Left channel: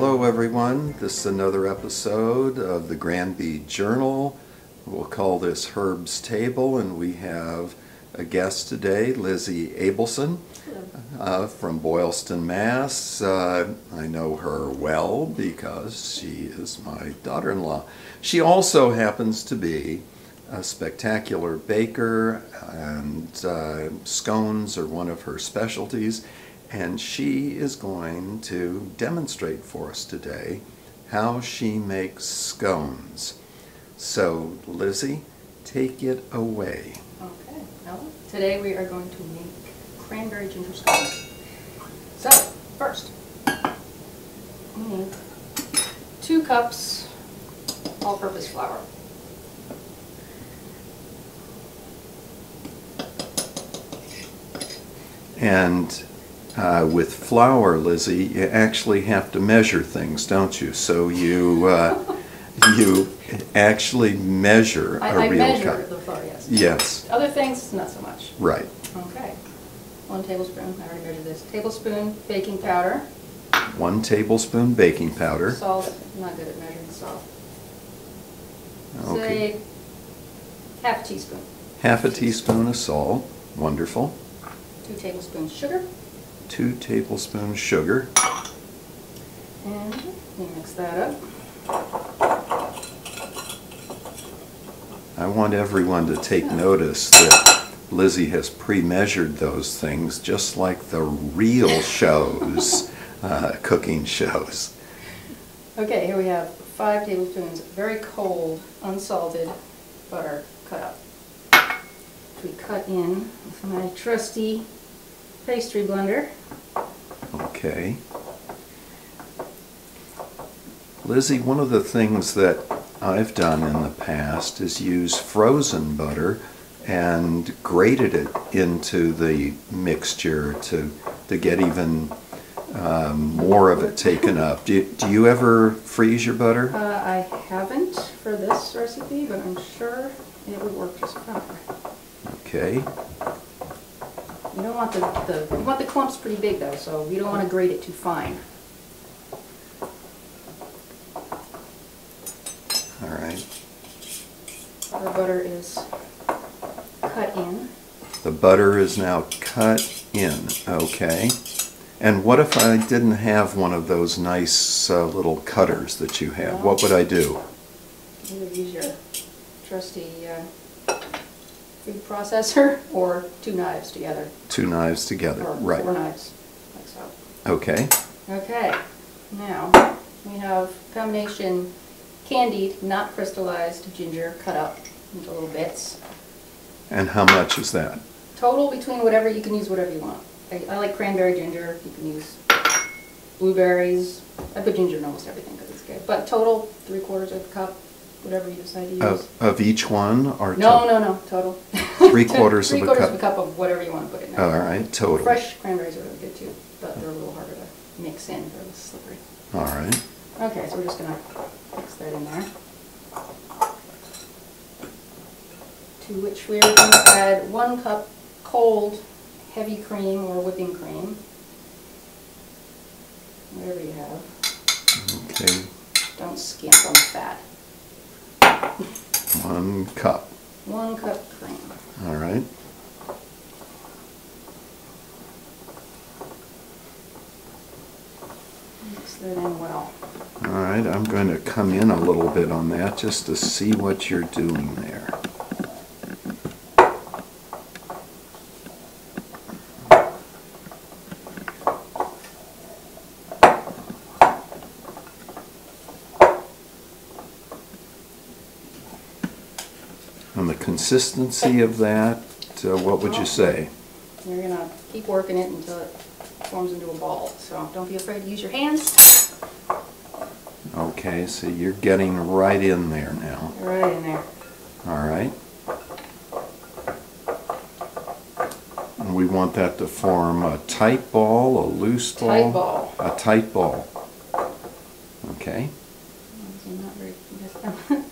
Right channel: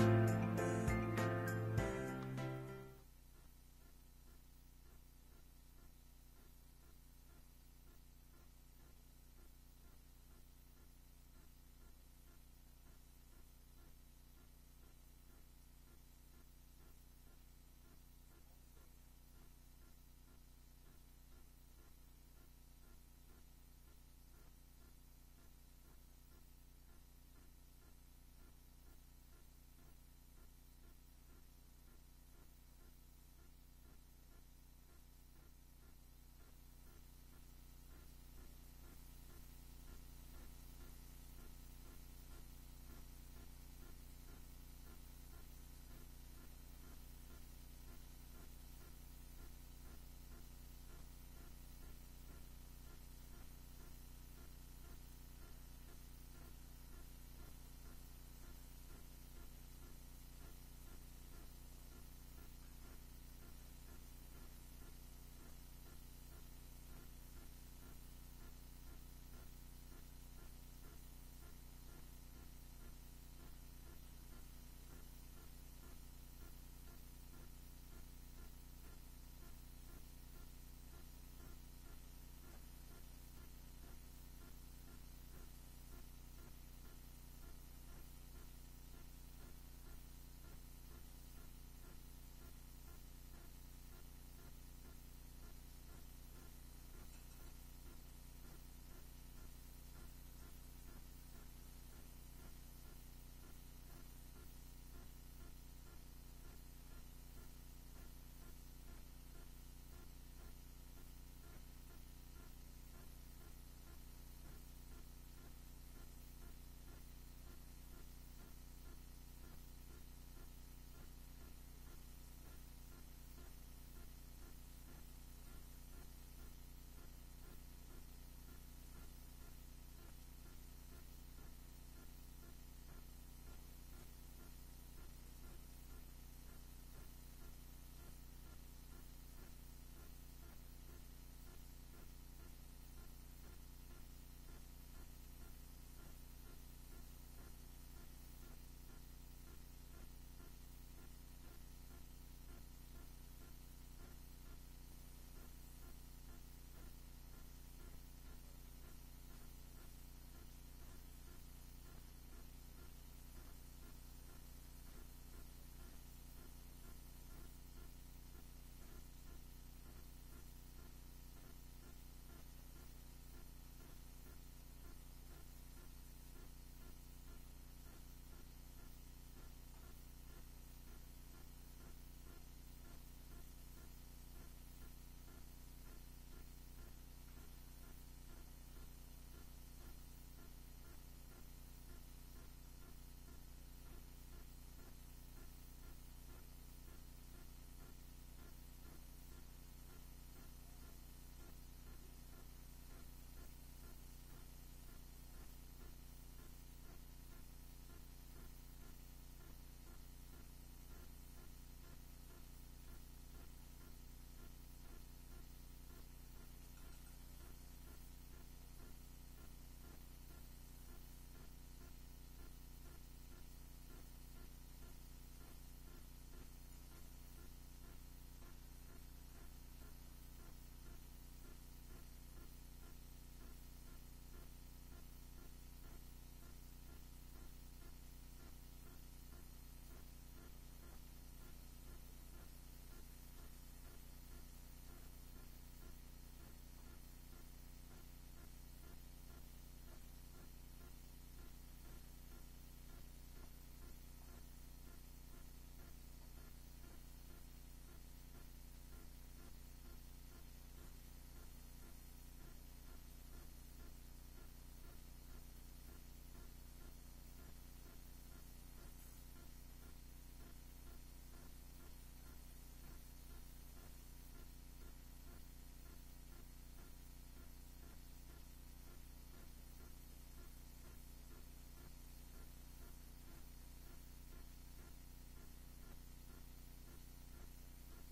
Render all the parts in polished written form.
Hello everyone, this is another episode of the Granby Journal. We'll call this Herb's Table, and we have a guest today, Lizzie Abelson from Boylston, Mass. I know her well because she is my daughter-in-law. She also happens to be a spectacular baker, and scones are one of her specialties. And she is going to demonstrate for us today how she makes scones. So, Lizzie, take it away. Okay, well, today we are going to make cranberry ginger scones. So, first, we need 2 cups all-purpose flour. And with flour, Lizzie, you actually have to measure things, don't you? So you you actually measure a real cup. I measure the flour, yes. Yes. Other things, not so much. Right. Okay. 1 tablespoon, I already measured this. Tablespoon baking powder. 1 tablespoon baking powder. Salt, I'm not good at measuring salt. Okay. Say half a teaspoon. Half a teaspoon of salt. Wonderful. 2 tablespoons sugar. 2 tablespoons sugar. And we mix that up. I want everyone to take notice that Lizzie has pre-measured those things just like the real shows, cooking shows. Okay, here we have 5 tablespoons very cold, unsalted butter cut up. We cut in with my trusty pastry blender. Okay. Lizzie, one of the things that I've done in the past is use frozen butter and grated it into the mixture to get even more of it taken up. Do you ever freeze your butter? I haven't for this recipe, but I'm sure it would work just fine. Okay. You don't want you want the clumps pretty big though, so you don't want to grate it too fine. All right. The butter is cut in. The butter is now cut in. Okay. And what if I didn't have one of those nice little cutters that you have? What would I do? You would use your trusty food processor or 2 knives together. 2 knives together, or right. 4 knives, like so. Okay. Okay, now we have combination candied, not crystallized ginger cut up into little bits. And how much is that? Total between whatever, you can use whatever you want. I like cranberry ginger, you can use blueberries. I put ginger in almost everything because it's good. But total, 3/4 of a cup, whatever you decide to use. Of each one? Or No, total. 3/4 of a cup? 3/4 of a cup of whatever you want to put in there. All right, total. Fresh cranberries are really good too, but they're a little harder to mix in, they're a little slippery. All right. Okay, so we're just going to mix that in there. To which we are going to add 1 cup cold heavy cream or whipping cream. Whatever you have. Okay. Don't skimp on the fat. 1 cup. 1 cup cream. All right. Mix that in well. All right, I'm going to come in a little bit on that just to see what you're doing there. And the consistency of that, what would you say? You're going to keep working it until it forms into a ball. So don't be afraid to use your hands. Okay, so you're getting right in there now. Right in there. All right. And we want that to form a tight ball, a loose ball? Tight ball. A tight ball. Okay. I'm not very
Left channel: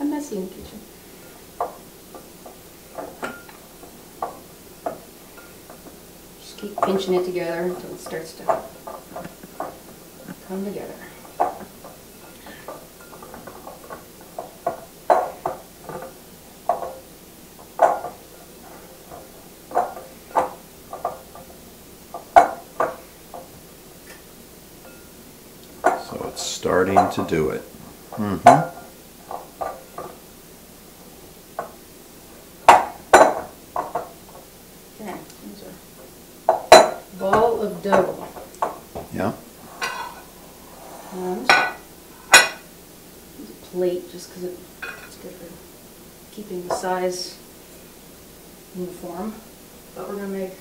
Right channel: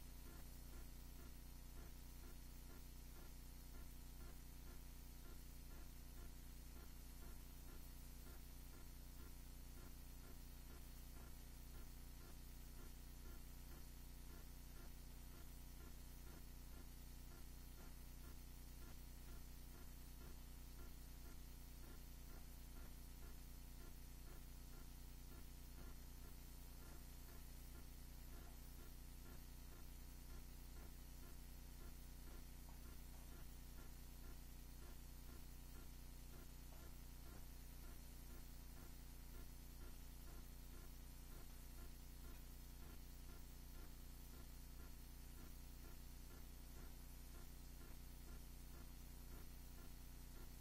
I'm messy in the kitchen. Just keep pinching it together until it starts to come together. starting to do it. Okay, these are ball of dough. Yeah. And use a plate just because it's good for keeping the size uniform. But we're going to make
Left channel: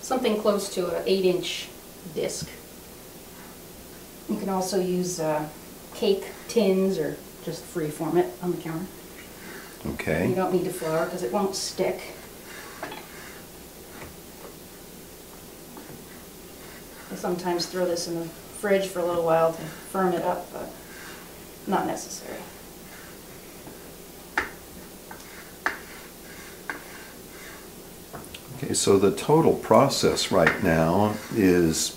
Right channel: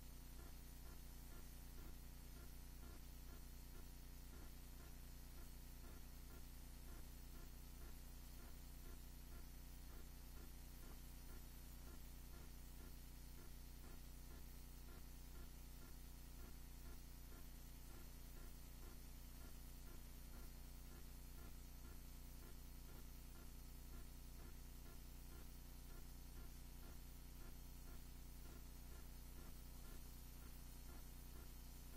something close to an 8-inch disc. You can also use cake tins or just free form it on the counter. Okay. You don't need to flour because it won't stick. I sometimes throw this in the fridge for a little while to firm it up, but not necessary. Okay, so the total process right now is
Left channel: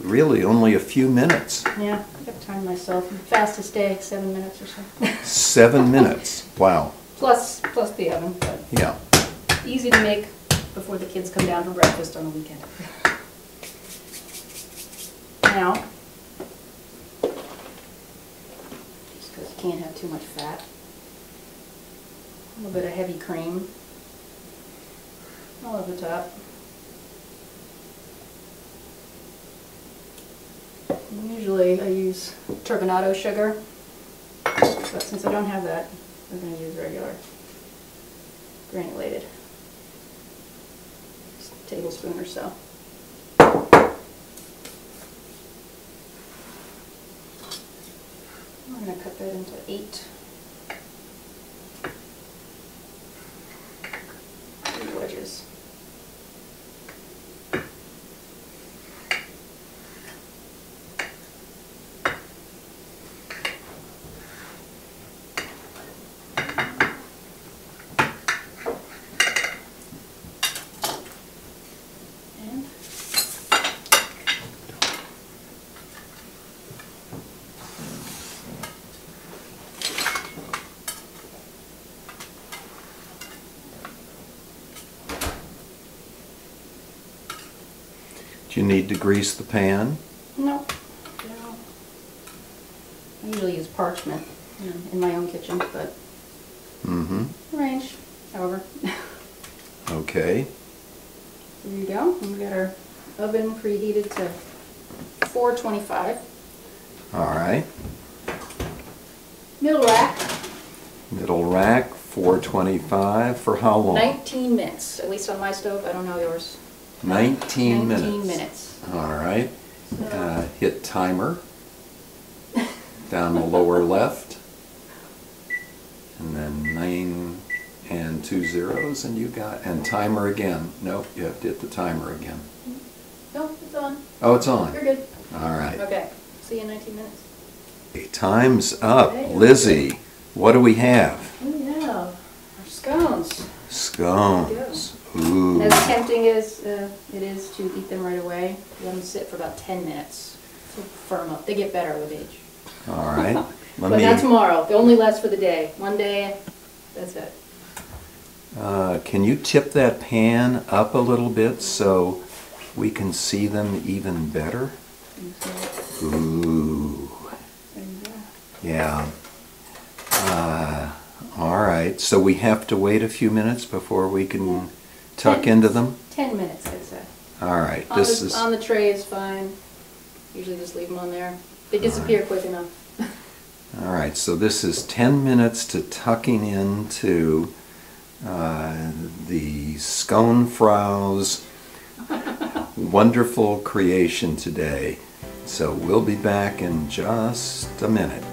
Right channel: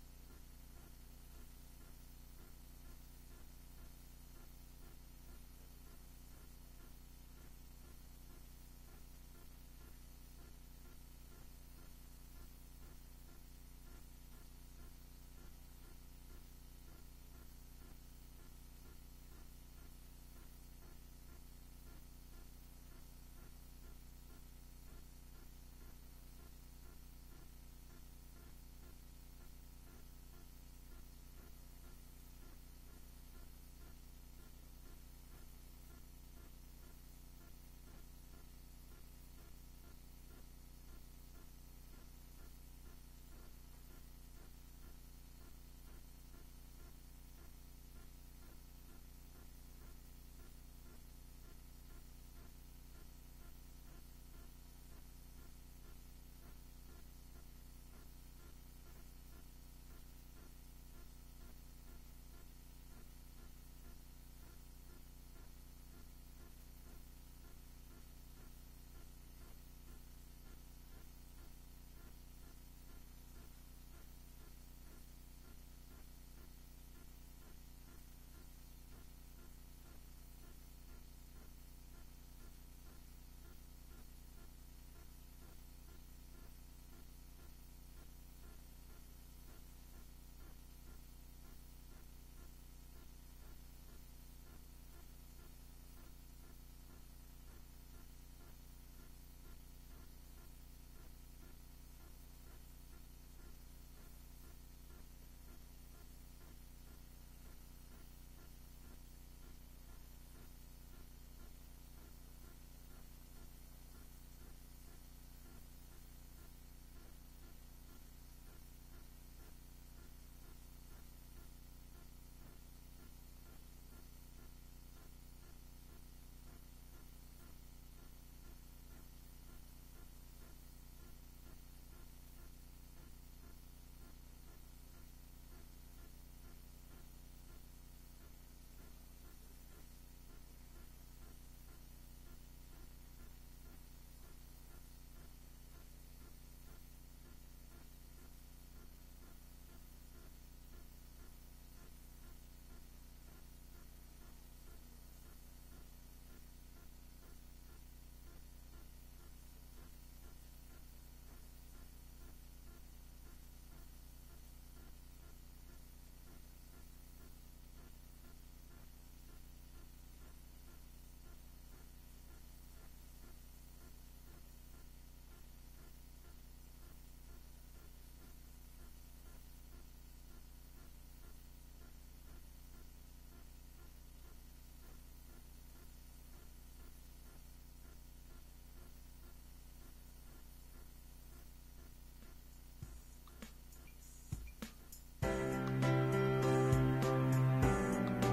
really only a few minutes. Yeah, I got time myself. Fastest day, 7 minutes or so. 7 minutes. Wow. plus the oven, but Yeah. easy to make before the kids come down for breakfast on the weekend. Now, just because you can't have too much fat, a little bit of heavy cream all over the top. Usually I use turbinado sugar, but since I don't have that, we're going to use regular granulated. Just a tablespoon or so. I'm going to cut that into 8 wedges. Do you need to grease the pan? No. I usually use parchment in my own kitchen, but range, however. Okay. There you go. We've got our oven preheated to 425. All right. Middle rack. Middle rack, 425. For how long? 19 minutes, at least on my stove. I don't know yours. 19 minutes. 19 minutes. All right. So, Hit timer down the lower left. And then 9 and 2 zeros, and you got, and timer again. Nope, you have to hit the timer again. no, it's on. Oh, it's on. You're good. All right. Okay. See you in 19 minutes. Okay, time's up. Okay. Lizzie, what do we have? We have our scones. Scones. Ooh. As tempting as it is to eat them right away, let them sit for about 10 minutes to firm up. They get better with age. All right. Let But me. not tomorrow. They only last for the day. One day, that's it. Can you tip that pan up a little bit so we can see them even better? Ooh. There you go. Yeah. All right. So we have to wait a few minutes before we can tuck into them? 10 minutes, I'd say. All right. On the tray is fine. Usually just leave them on there. They disappear quick enough. All right. So this is 10 minutes to tucking into the Scone Frau's wonderful creation today. So we'll be back in just a minute.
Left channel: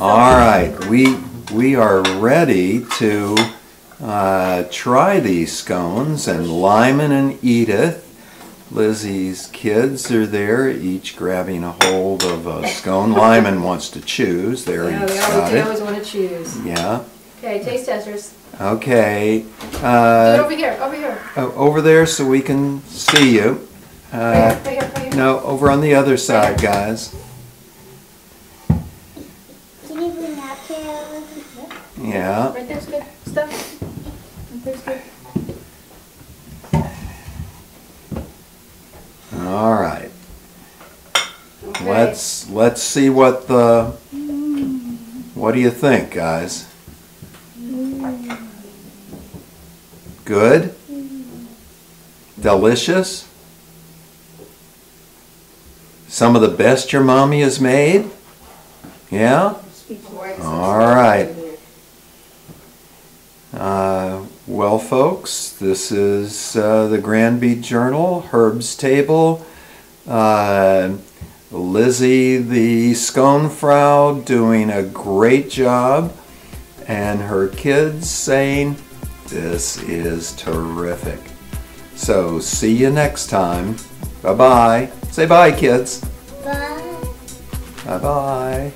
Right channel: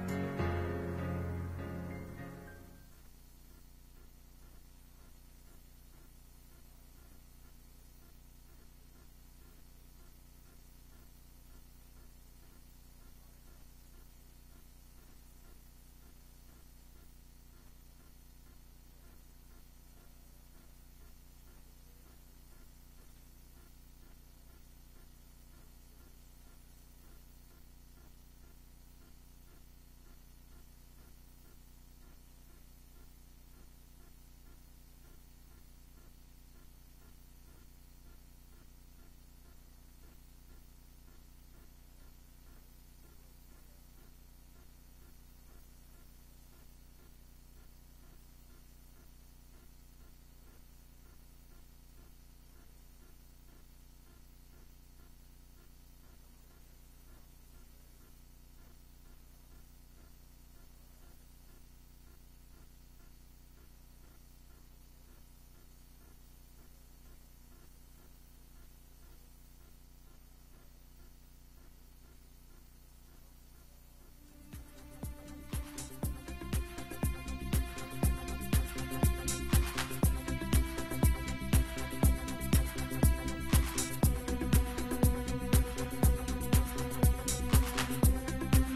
All right, we are ready to try these scones, and Lyman and Edith, Lizzie's kids, are there, each grabbing a hold of a scone. Lyman wants to choose. There, Yeah, he's they got it. always want to choose. Yeah. Okay, taste testers. Okay. Do it over here, over here. Over there so we can see you. Right here, right here. No, over on the other side, guys. Can you bring that chair? Yeah. Right there's good stuff. Right there's good. All right. Okay. Let's see what do you think, guys? Good? Delicious? Some of the best your mommy has made? Yeah? All right. Well, folks, this is the Granby Journal, Herb's Table. Lizzie, the scone frau, doing a great job, and her kids saying, "This is terrific." So, see you next time. Bye-bye. Say bye, kids. Bye. Bye-bye.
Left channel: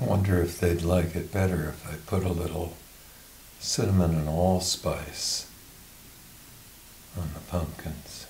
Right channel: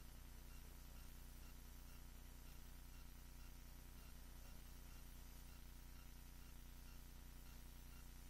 I wonder if they'd like it better if I put a little cinnamon and allspice on the pumpkins.